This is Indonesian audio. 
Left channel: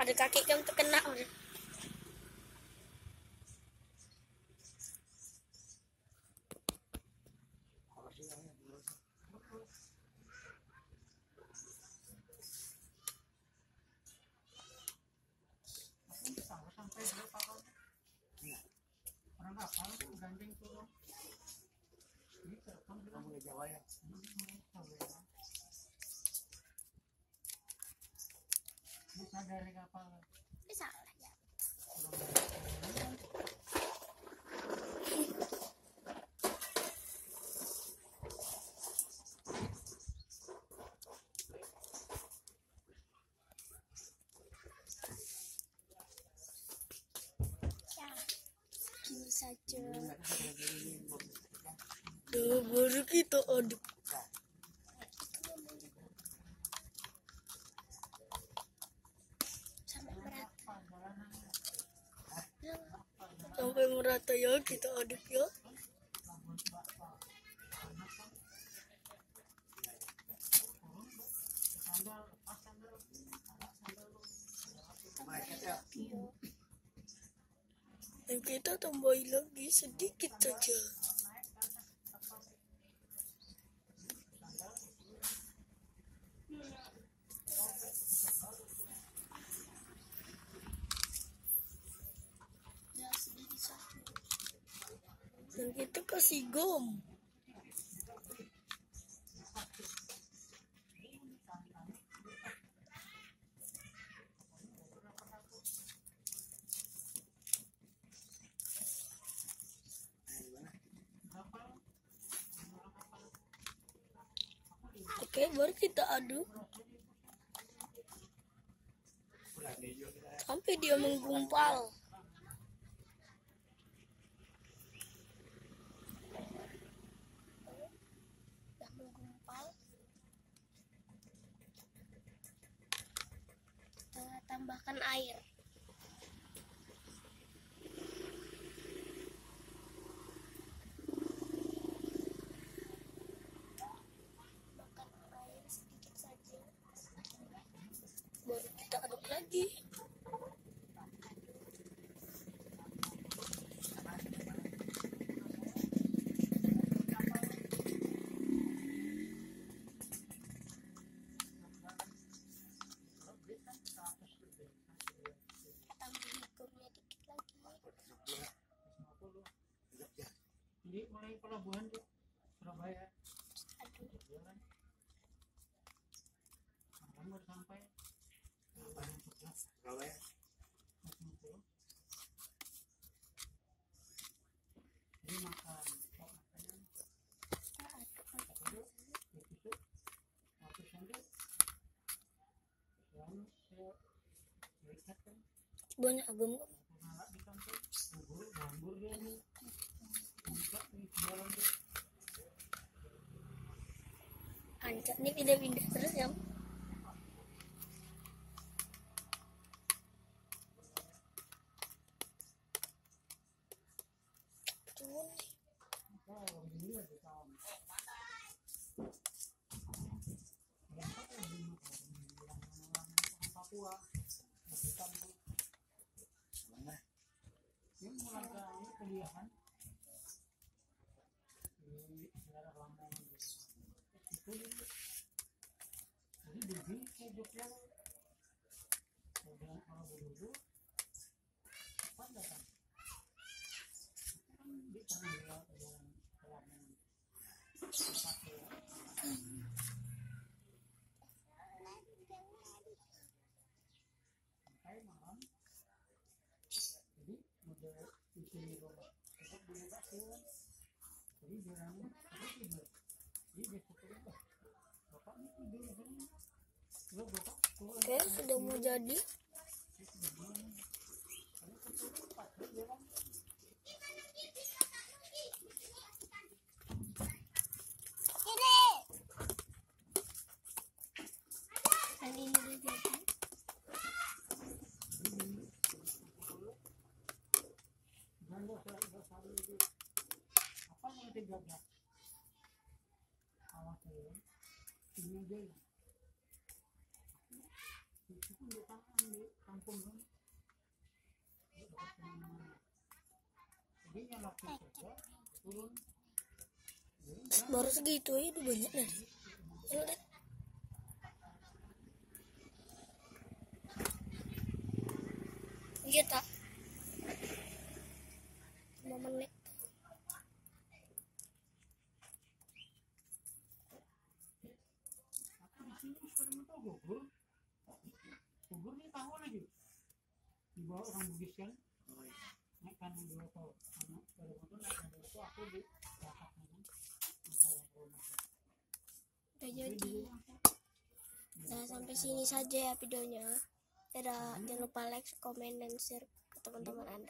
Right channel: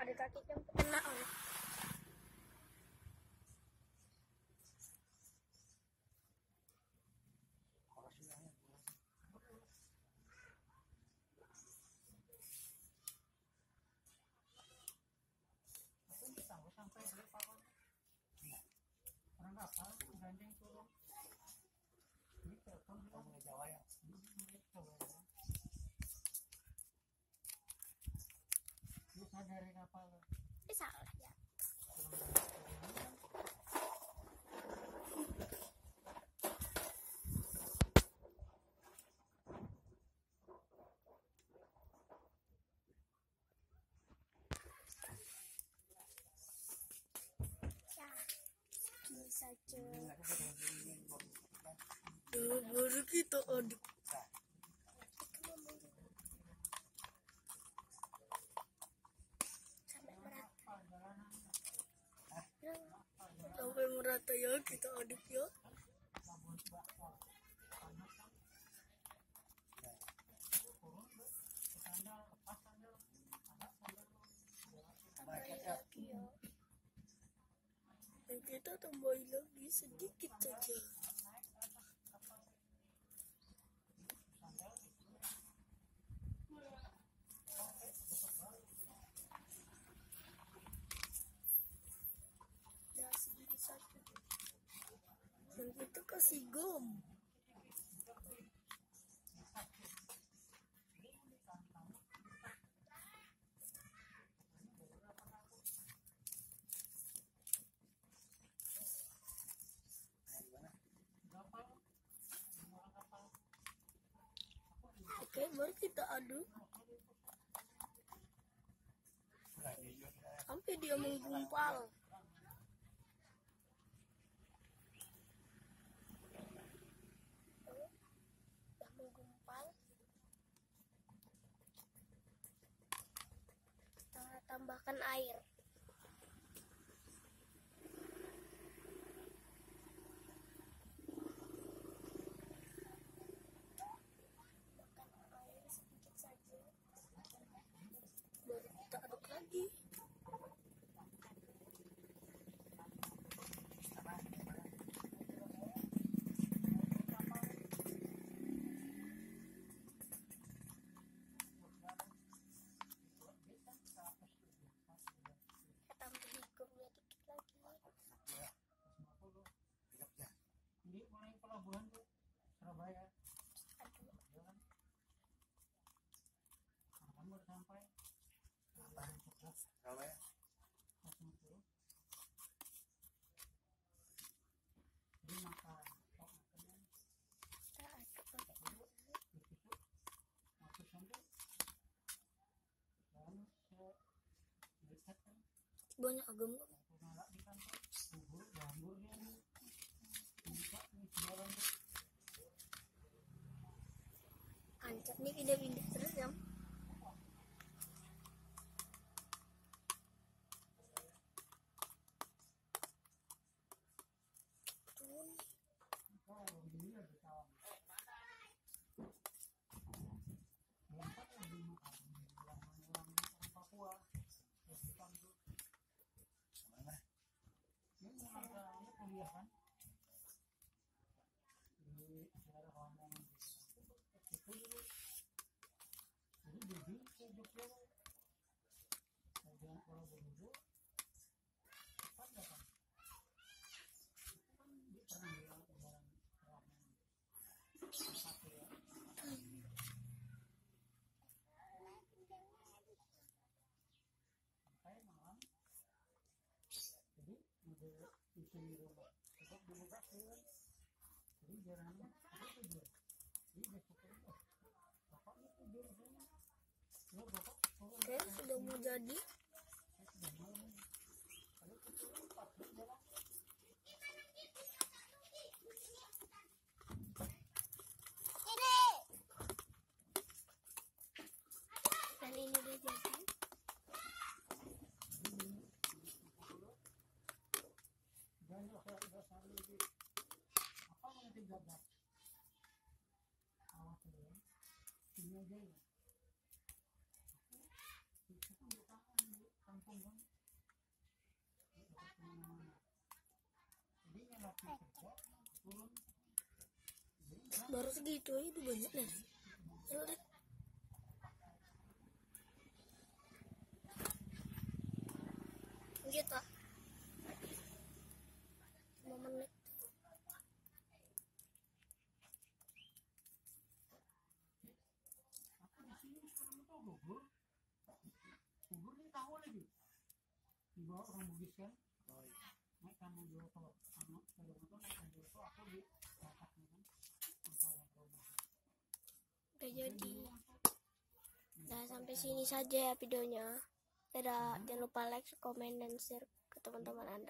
Ada kaki yang terkena udah. Bisa lah ya. Ini saja. Tuh, baru kita aduk. Sampai merata ya, kita aduk ya. Dan kita tambahin lagi sedikit saja. Dan kita kasih gom. Oke, baru kita aduk sampai dia menggumpal. Sudah menggumpal. Kita tambahkan air. Sedikit saja. Baru kita aduk lagi. Tambahin gomnya dikit lagi. Jadi mulai pelabuhan tuh Surabaya. Aduh. Kamu baru sampai Surabaya. Jadi makan makanan Banyak agam. Ancak nih pindah-pindah terus ya. Papua ini mulai kuliah kan di daerah Lamongan itu. Jadi di Jogja udah kalau dulu apa enggak kan di pernah di Lamongan sampai malam. Jadi udah isi robot dulu kasih. Jadi jalannya tidur. Jadi besoknya bapak ini tidur sini. Lo bapak Oke, sudah mau jadi. Dan ini udah jadi. Dan lo apa yang 13? saya ini aja ya. Itu pun di tangan di kampung kan. Jadi yang waktu itu turun Baru segitu aja udah banyak nih. Ya udah. Iya tak? 5 menit. aku di sini sekarang itu gugur nih tahu lagi dibawa orang Bugis kan naik kanan dulu tuh anak pada motor naik kanan dulu tuh aku di belakangnya kan Udah jadi. Nah, sampai sini saja ya videonya. Dadah, jangan lupa like, komen, dan share ke teman-teman Anda.